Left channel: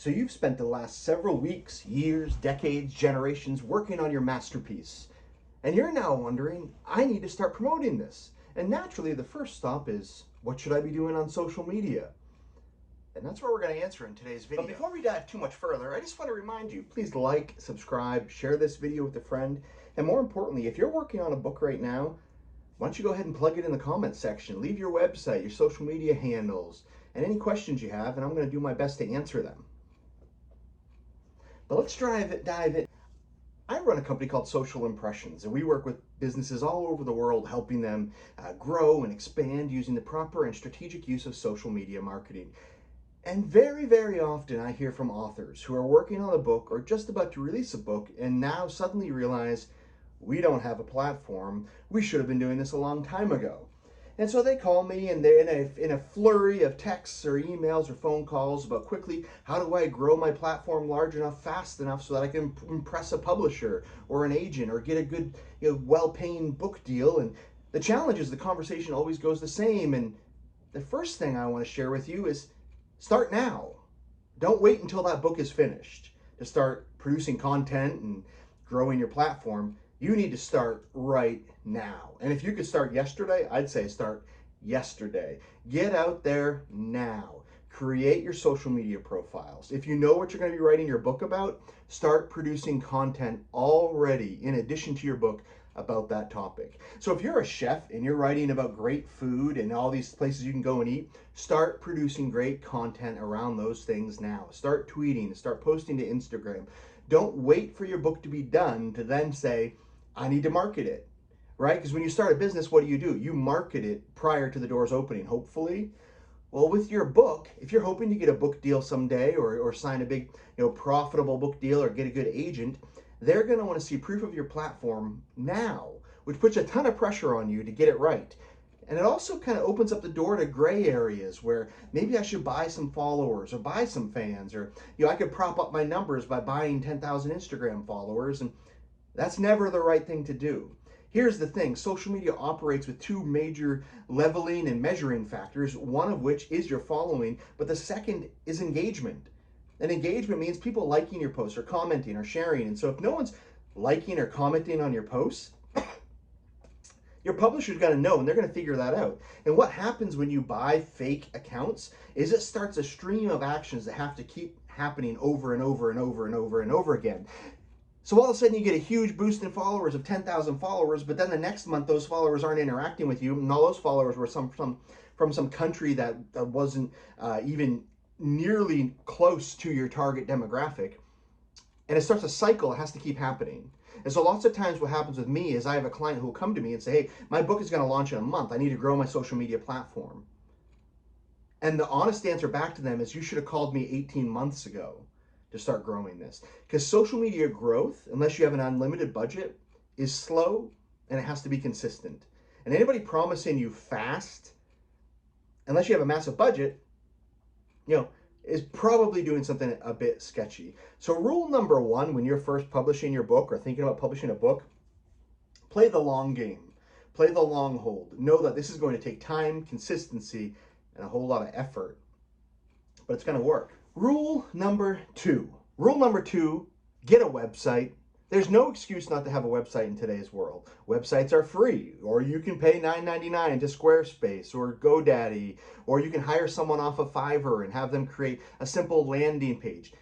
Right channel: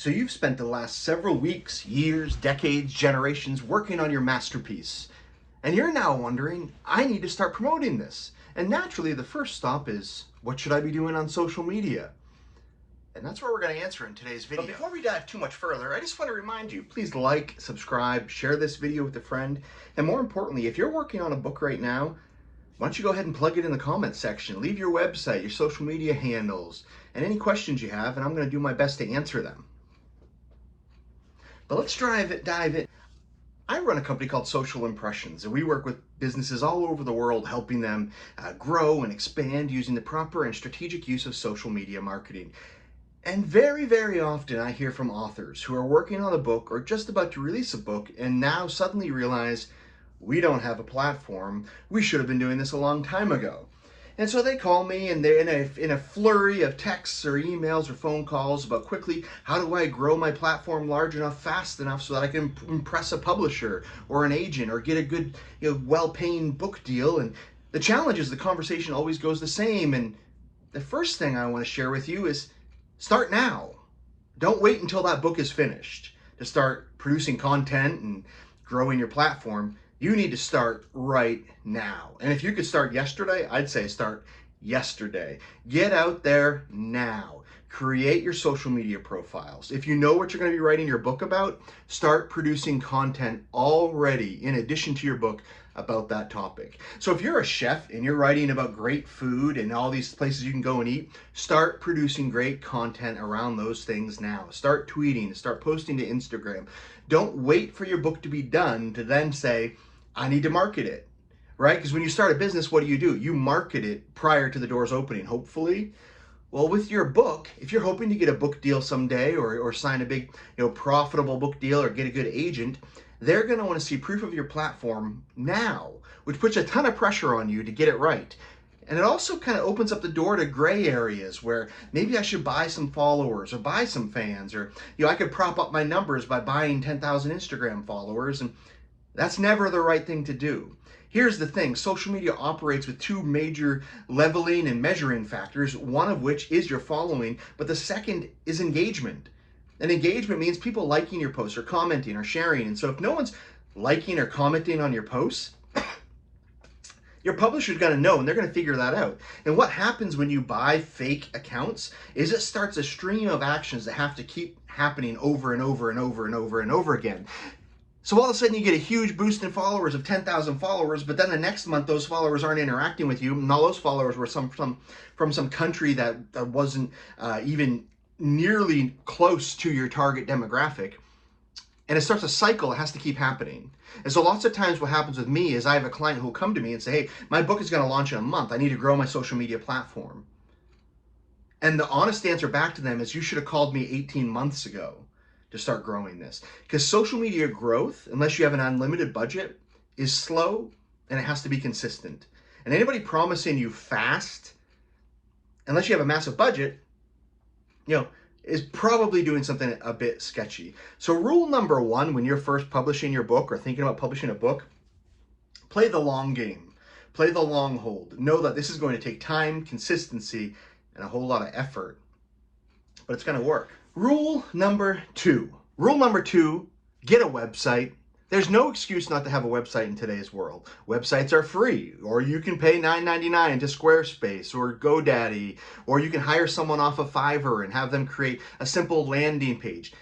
So you've spent the last several weeks, years, decades, generations working on your masterpiece. And you're now wondering, I need to start promoting this. And naturally, the first stop is, what should I be doing on social media? And that's what we're going to answer in today's video. But before we dive too much further, I just want to remind you, please like, subscribe, share this video with a friend. And more importantly, if you're working on a book right now, why don't you go ahead and plug it in the comments section. Leave your website, your social media handles, and any questions you have, and I'm going to do my best to answer them. But let's dive in. I run a company called Social Impressions, and we work with businesses all over the world, helping them grow and expand using the proper and strategic use of social media marketing. And very, very often I hear from authors who are working on a book or just about to release a book and now suddenly realize, we don't have a platform. We should have been doing this a long time ago. And so they call me and they're in a flurry of texts or emails or phone calls about quickly, how do I grow my platform large enough, fast enough so that I can impress a publisher or an agent or get a good, well-paying book deal. And the challenge is the conversation always goes the same. And the first thing I want to share with you is start now. Don't wait until that book is finished to start producing content and growing your platform. You need to start right now. And if you could start yesterday, I'd say start yesterday. Get out there now. Create your social media profiles. If you know what you're going to be writing your book about, start producing content already in addition to your book about that topic. So if you're a chef and you're writing about great food and all these places you can go and eat, start producing great content around those things now. Start tweeting, start posting to Instagram. Don't wait for your book to be done to then say, I need to market it, right? Because when you start a business, what do? You market it prior to the doors opening, hopefully. Well, with your book, if you're hoping to get a book deal someday or sign a big, profitable book deal or get a good agent, they're going to want to see proof of your platform now, which puts a ton of pressure on you to get it right. And it also kind of opens up the door to gray areas where maybe I should buy some followers or buy some fans, or I could prop up my numbers by buying 10,000 Instagram followers, and that's never the right thing to do. Here's the thing, social media operates with two major leveling and measuring factors, one of which is your following, but the second is engagement. And engagement means people liking your posts or commenting or sharing. And so if no one's liking or commenting on your posts, your publisher's going to know, and they're going to figure that out. And what happens when you buy fake accounts is it starts a stream of actions that have to keep happening over and over and over and over and over again. So all of a sudden you get a huge boost in followers of 10,000 followers, but then the next month those followers aren't interacting with you, and all those followers were from some country that wasn't even nearly close to your target demographic. And it starts a cycle that has to keep happening. And so lots of times what happens with me is I have a client who will come to me and say, hey, my book is going to launch in a month. I need to grow my social media platform. And the honest answer back to them is, you should have called me 18 months ago to start growing this. Because social media growth, unless you have an unlimited budget, is slow and it has to be consistent. And anybody promising you fast, unless you have a massive budget, is probably doing something a bit sketchy. So rule number one, when you're first publishing your book or thinking about publishing a book, play the long game. Play the long hold. Know that this is going to take time, consistency, and a whole lot of effort, but it's going to work. Rule number two, get a website. There's no excuse not to have a website in today's world. Websites are free, or you can pay $9.99 to Squarespace or GoDaddy, or you can hire someone off of Fiverr and have them create a simple landing page.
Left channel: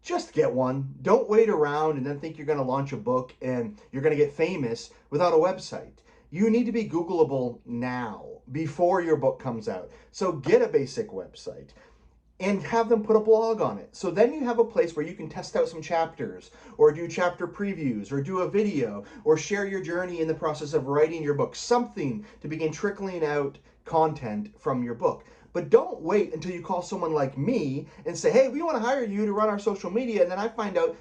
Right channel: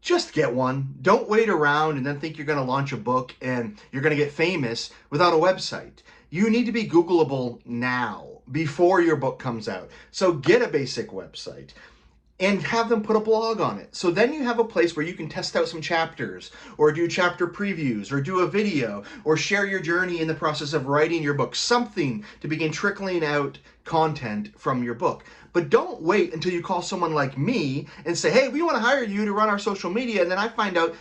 Just get one. Don't wait around and then think you're going to launch a book and you're going to get famous without a website. You need to be Googleable now, before your book comes out. So get a basic website and have them put a blog on it. So then you have a place where you can test out some chapters or do chapter previews or do a video or share your journey in the process of writing your book, something to begin trickling out content from your book. But don't wait until you call someone like me and say, hey, we want to hire you to run our social media. And then I find out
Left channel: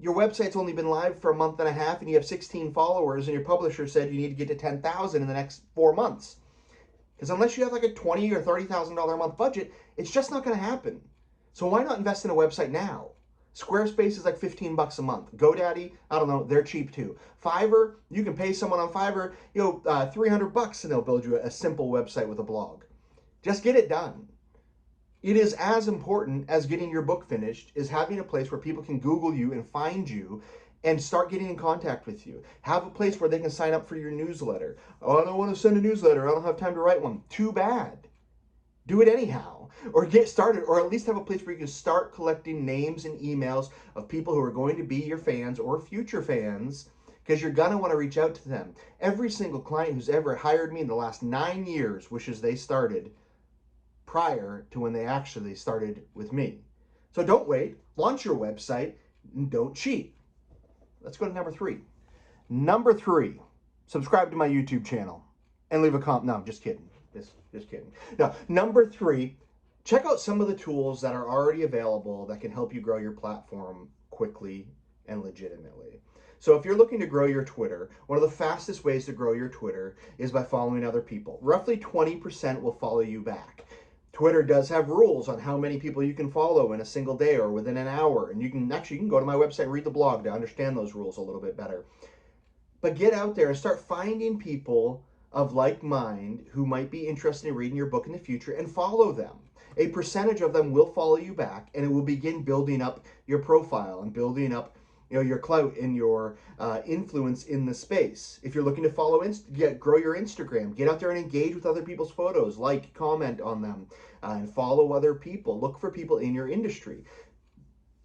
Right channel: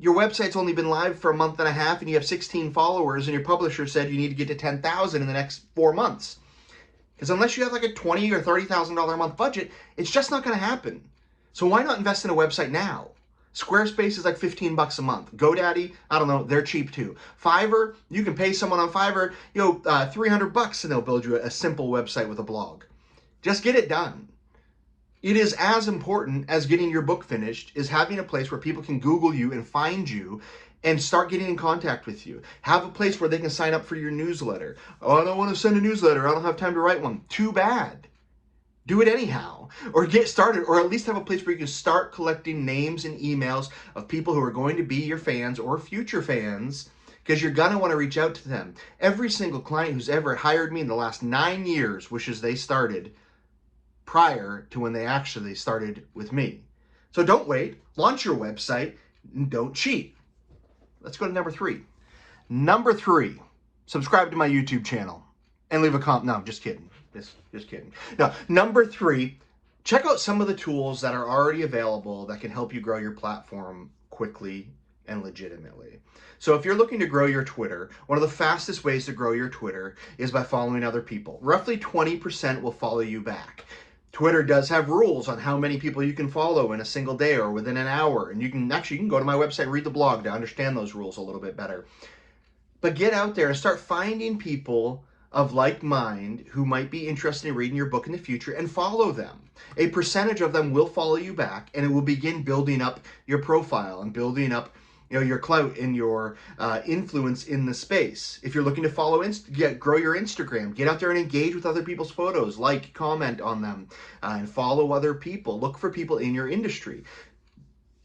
your website's only been live for a month and a half and you have 16 followers and your publisher said you need to get to 10,000 in the next 4 months. Because unless you have like a $20,000 or $30,000 a month budget, it's just not going to happen. So why not invest in a website now? Squarespace is like 15 bucks a month. GoDaddy, I don't know, they're cheap too. Fiverr, you can pay someone on Fiverr, 300 bucks and they'll build you a simple website with a blog. Just get it done. It is as important as getting your book finished is having a place where people can Google you and find you and start getting in contact with you. Have a place where they can sign up for your newsletter. Oh, I don't want to send a newsletter. I don't have time to write one. Too bad. Do it anyhow, or get started, or at least have a place where you can start collecting names and emails of people who are going to be your fans or future fans, because you're going to want to reach out to them. Every single client who's ever hired me in the last 9 years wishes they started prior to when they actually started with me. So don't wait, launch your website, and don't cheat. Let's go to number 3. Number 3, subscribe to my YouTube channel and leave a comment. No, just kidding. Just kidding. Now, number 3, check out some of the tools that are already available that can help you grow your platform quickly and legitimately. So if you're looking to grow your Twitter, one of the fastest ways to grow your Twitter is by following other people. Roughly 20% will follow you back. Twitter does have rules on how many people you can follow in a single day or within an hour. And you can go to my website and read the blog to understand those rules a little bit better. But get out there and start finding people of like mind who might be interested in reading your book in the future and follow them. A percentage of them will follow you back, and it will begin building up your profile and building up your clout and your influence in the space. If you're looking to grow your Instagram, get out there and engage with other people's photos, like, comment on them, and follow other people. Look for people in your industry.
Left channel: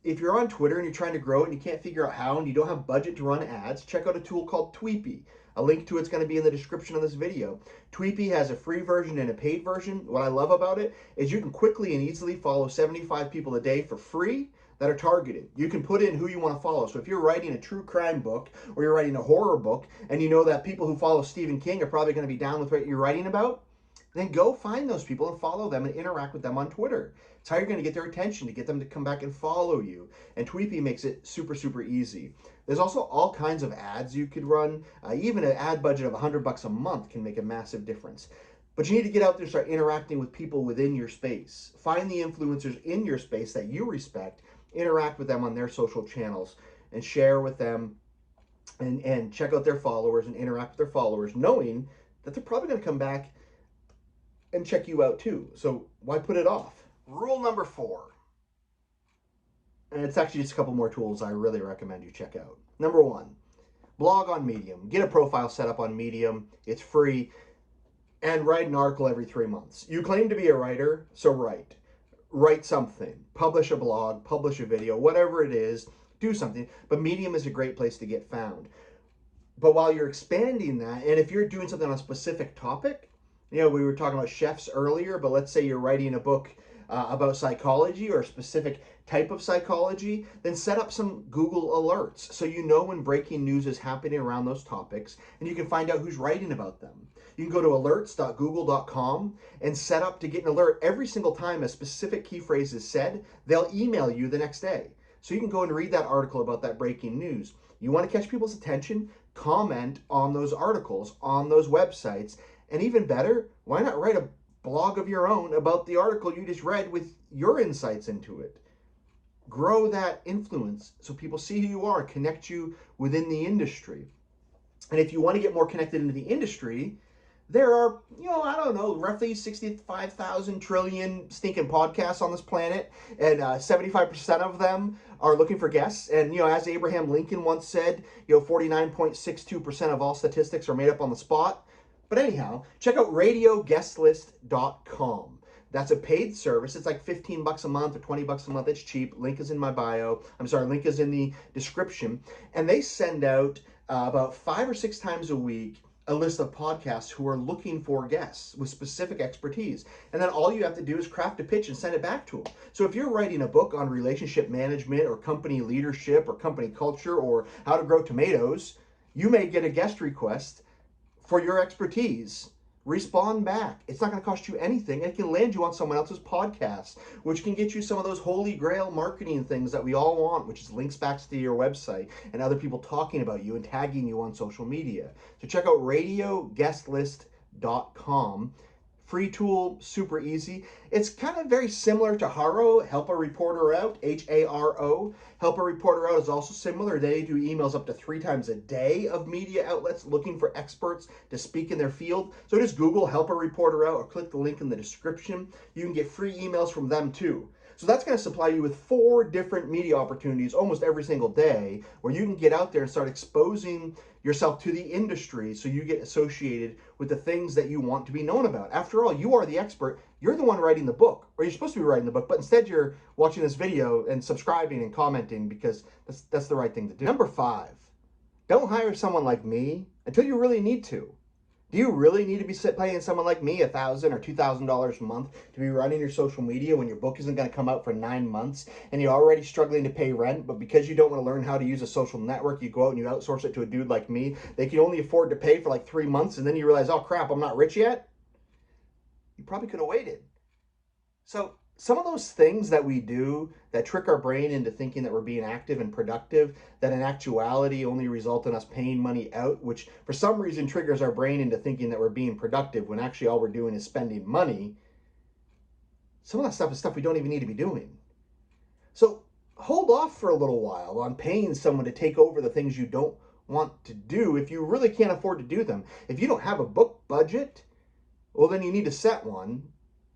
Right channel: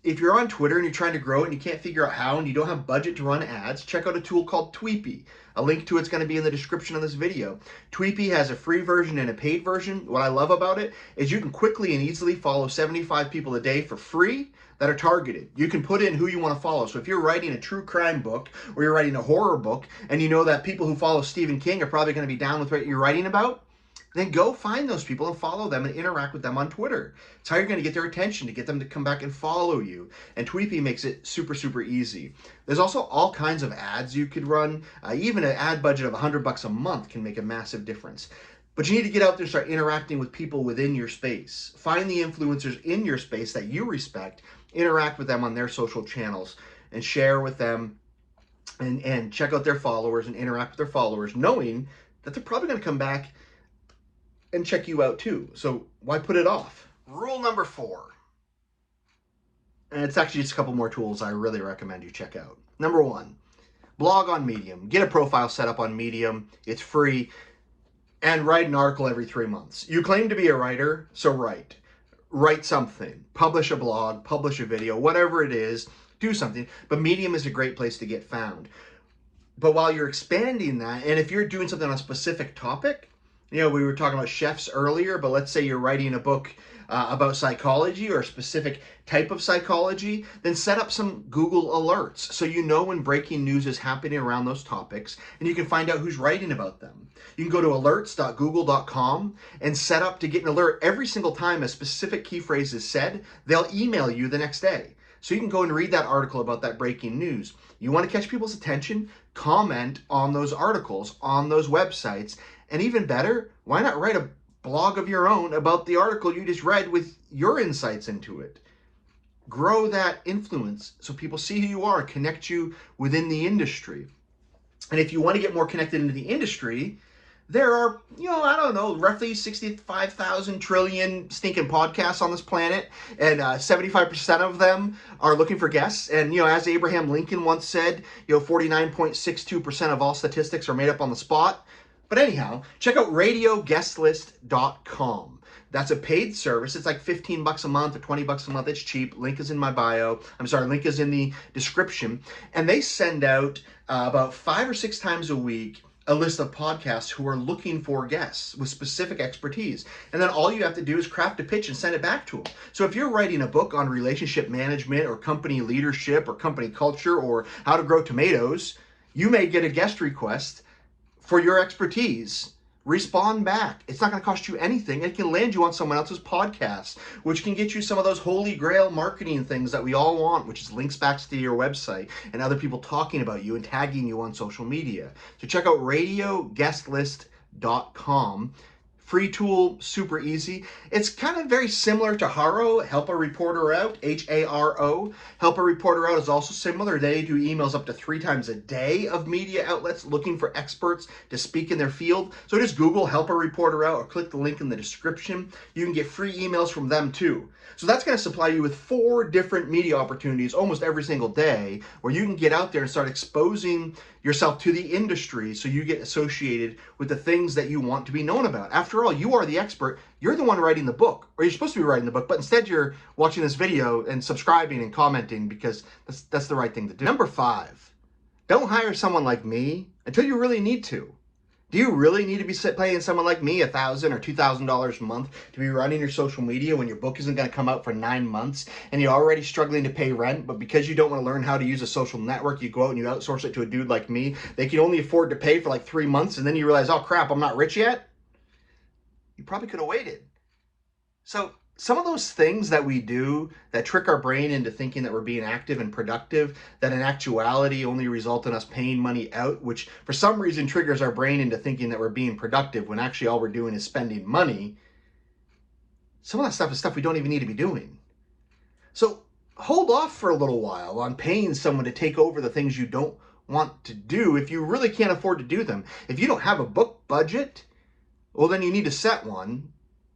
If you're on Twitter and you're trying to grow it and you can't figure out how and you don't have budget to run ads, check out a tool called Tweepy. A link to it's going to be in the description of this video. Tweepy has a free version and a paid version. What I love about it is you can quickly and easily follow 75 people a day for free that are targeted. You can put in who you want to follow. So if you're writing a true crime book or you're writing a horror book and you know that people who follow Stephen King are probably going to be down with what you're writing about, then go find those people and follow them and interact with them on Twitter. It's how you're going to get their attention, to get them to come back and follow you. And Tweepy makes it super, super easy. There's also all kinds of ads you could run. Even an ad budget of $100 a month can make a massive difference. But you need to get out there and start interacting with people within your space. Find the influencers in your space that you respect, interact with them on their social channels, and share with them and check out their followers and interact with their followers, knowing that they're probably going to come back and check you out too. So why put it off? Rule number 4, and it's actually just a couple more tools I really recommend you check out. Number 1, blog on Medium. Get a profile set up on Medium. It's free. And write an article every 3 months. You claim to be a writer, so write. Write something. Publish a blog, publish a video, whatever it is, do something. But Medium is a great place to get found. But while you're expanding that, and if you're doing something on a specific topic, we were talking about chefs earlier, but let's say you're writing a book about psychology or a specific type of psychology, then set up some Google alerts so you know when breaking news is happening around those topics, and you can find out who's writing about them. You can go to alerts.google.com and set up to get an alert every single time a specific key phrase is said. They'll email you the next day. So you can go and read that article about that breaking news. You want to catch people's attention? Comment on those articles, on those websites. And even better, why not write a blog of your own about the article you just read with your insights into it? Grow that influence so people see who you are, connect you within the industry. And if you want to get more connected into the industry, there are, roughly 65,000 trillion stinking podcasts on this planet, and 75% of them are looking for guests. And, as Abraham Lincoln once said, 49.62% of all statistics are made up on the spot. But anyhow, check out radioguestlist.com. That's a paid service. It's like $15 a month or $20 a month. It's cheap. Link is in my bio. Link is in the description. And they send out about 5 or 6 times a week a list of podcasts who are looking for guests with specific expertise. And then all you have to do is craft a pitch and send it back to them. So if you're writing a book on relationship management or company leadership or company culture or how to grow tomatoes, you may get a guest request for your expertise. Respond back. It's not going to cost you anything. It can land you on someone else's podcast, which can get you some of those holy grail marketing things that we all want, which is links back to your website and other people talking about you and tagging you on social media. So check out radioguestlist.com Free tool, super easy. It's kind of very similar to Haro, Help a Reporter Out, H-A-R-O. Help a Reporter Out is also similar. They do emails up to 3 times a day of media outlets looking for experts to speak in their field. So just Google Help a Reporter Out or click the link in the description. You can get free emails from them too. So that's going to supply you with 4 different media opportunities almost every single day where you can get out there and start exposing yourself to the industry so you get associated with the things that you want to be known about. After all, you are the expert. You're the one writing the book, or you're supposed to be writing the book, but instead you're watching this video and subscribing and commenting because that's the right thing to do. Number 5, don't hire someone like me until you really need to. Do you really need to be paying someone like me $1,000 or $2,000 a month to be running your social media when your book isn't going to come out for 9 months and you're already struggling to pay rent, but because you don't want to learn how to use a social network, you go out and you outsource it to a dude like me. They can only afford to pay for like 3 months, and then you realize, oh crap, I'm not rich yet? You probably could have waited. So some of those things that we do that trick our brain into thinking that we're being active and productive, that in actuality only result in us paying money out, which for some reason triggers our brain into thinking that we're being productive when actually all we're doing is spending money. Some of that stuff is stuff we don't even need to be doing. So hold off for a little while on paying someone to take over the things you don't want to do if you really can't afford to do them. If you don't have a book budget, well, then you need to set one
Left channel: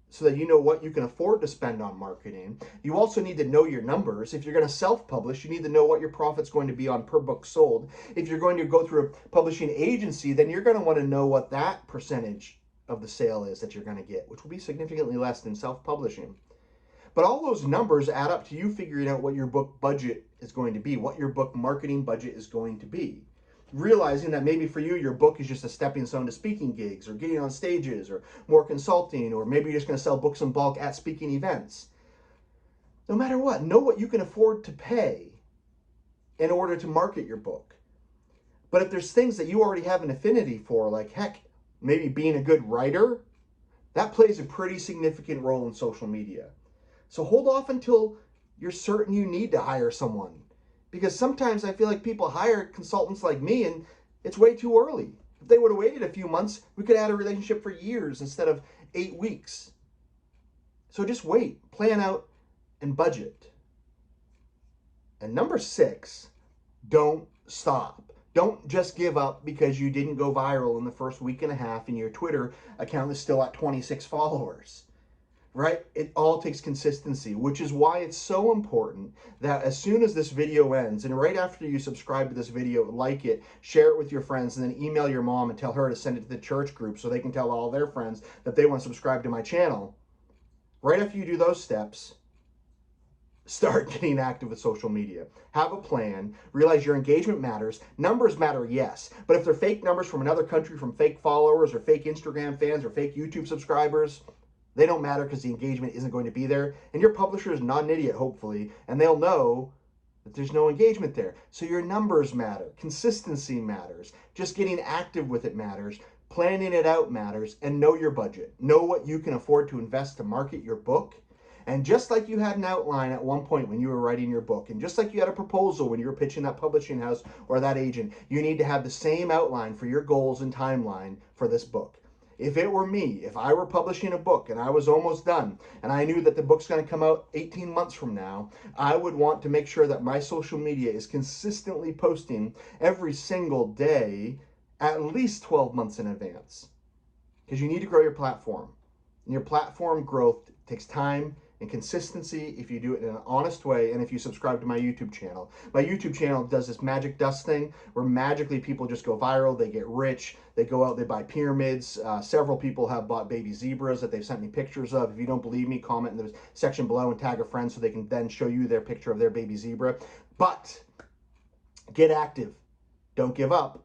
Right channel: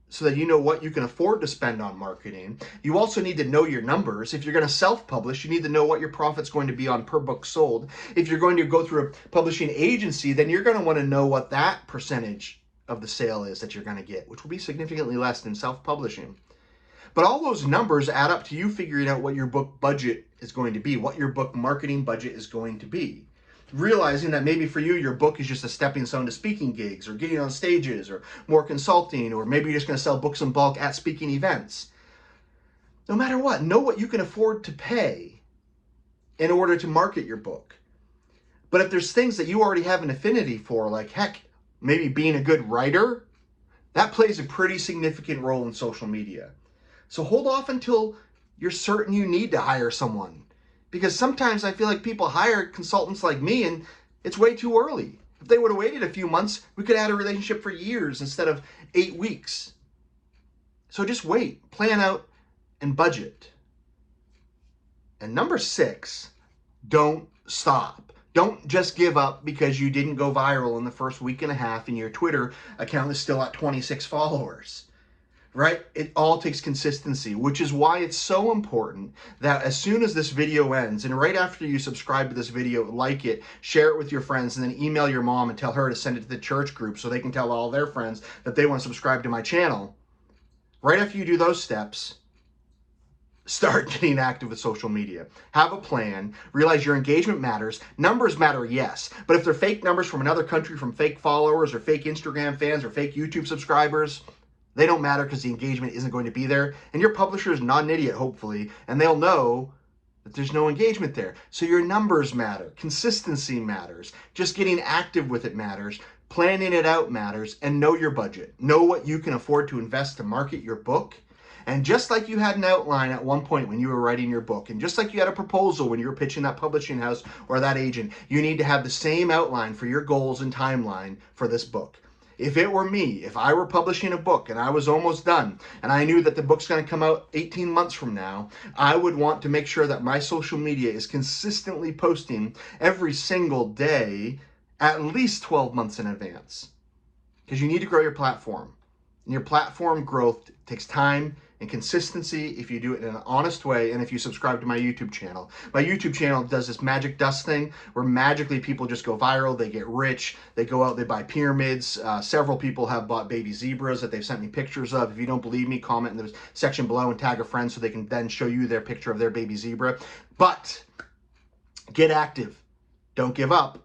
so that you know what you can afford to spend on marketing. You also need to know your numbers. If you're going to self-publish, you need to know what your profit's going to be on per book sold. If you're going to go through a publishing agency, then you're going to want to know what that percentage of the sale is that you're going to get, which will be significantly less than self-publishing. But all those numbers add up to you figuring out what your book budget is going to be, what your book marketing budget is going to be. Realizing that maybe for you, your book is just a stepping stone to speaking gigs or getting on stages or more consulting, or maybe you're just going to sell books in bulk at speaking events. No matter what, know what you can afford to pay in order to market your book. But if there's things that you already have an affinity for, like heck, maybe being a good writer, that plays a pretty significant role in social media. So hold off until you're certain you need to hire someone. Because sometimes I feel like people hire consultants like me and it's way too early. If they would have waited a few months, we could have had a relationship for years instead of 8 weeks. So just wait, plan out, and budget. And number 6, don't stop. Don't just give up because you didn't go viral in the first week and a half and your Twitter account is still at 26 followers. Right? It all takes consistency, which is why it's so important that as soon as this video ends, and right after you subscribe to this video, like it, share it with your friends, and then email your mom and tell her to send it to the church group so they can tell all their friends that they want to subscribe to my channel. Right after you do those steps, start getting active with social media. Have a plan. Realize your engagement matters. Numbers matter, yes. But if they're fake numbers from another country, from fake followers or fake Instagram fans or fake YouTube subscribers, they don't matter because the engagement isn't going to be there. And your publisher is not an idiot, hopefully, and they'll know that there's no engagement there. So your numbers matter. Consistency matters. Just getting active with it matters. Planning it out matters. And know your budget. Know what you can afford to invest to market your book. And just like you had an outline at one point when you were writing your book, and just like you had a proposal when you were pitching that publishing house or that agent, you need to have the same outline for your goals and timeline for this book. If it were me, if I were publishing a book and I was almost done and I knew that the book's going to come out 18 months from now, I would want to make sure that my social media is consistently posting every single day at least 12 months in advance. Because you need to grow your platform. And your platform growth takes time and consistency if you do it in an honest way and if you subscribe to my YouTube channel. My YouTube channel does this magic dust thing where magically people just go viral, they get rich, they go out, they buy pyramids. Several people have bought baby zebras that they've sent me pictures of. If you don't believe me, comment in the section below and tag a friend so they can then show you their picture of their baby zebra. But get active. Don't give up.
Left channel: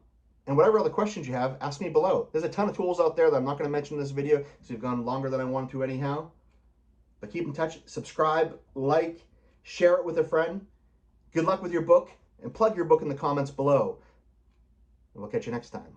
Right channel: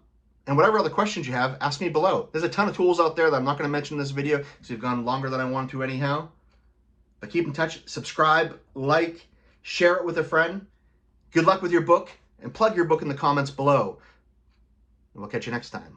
And whatever other questions you have, ask me below. There's a ton of tools out there that I'm not going to mention in this video because we've gone longer than I want to anyhow. But keep in touch, subscribe, like, share it with a friend. Good luck with your book, and plug your book in the comments below. And we'll catch you next time.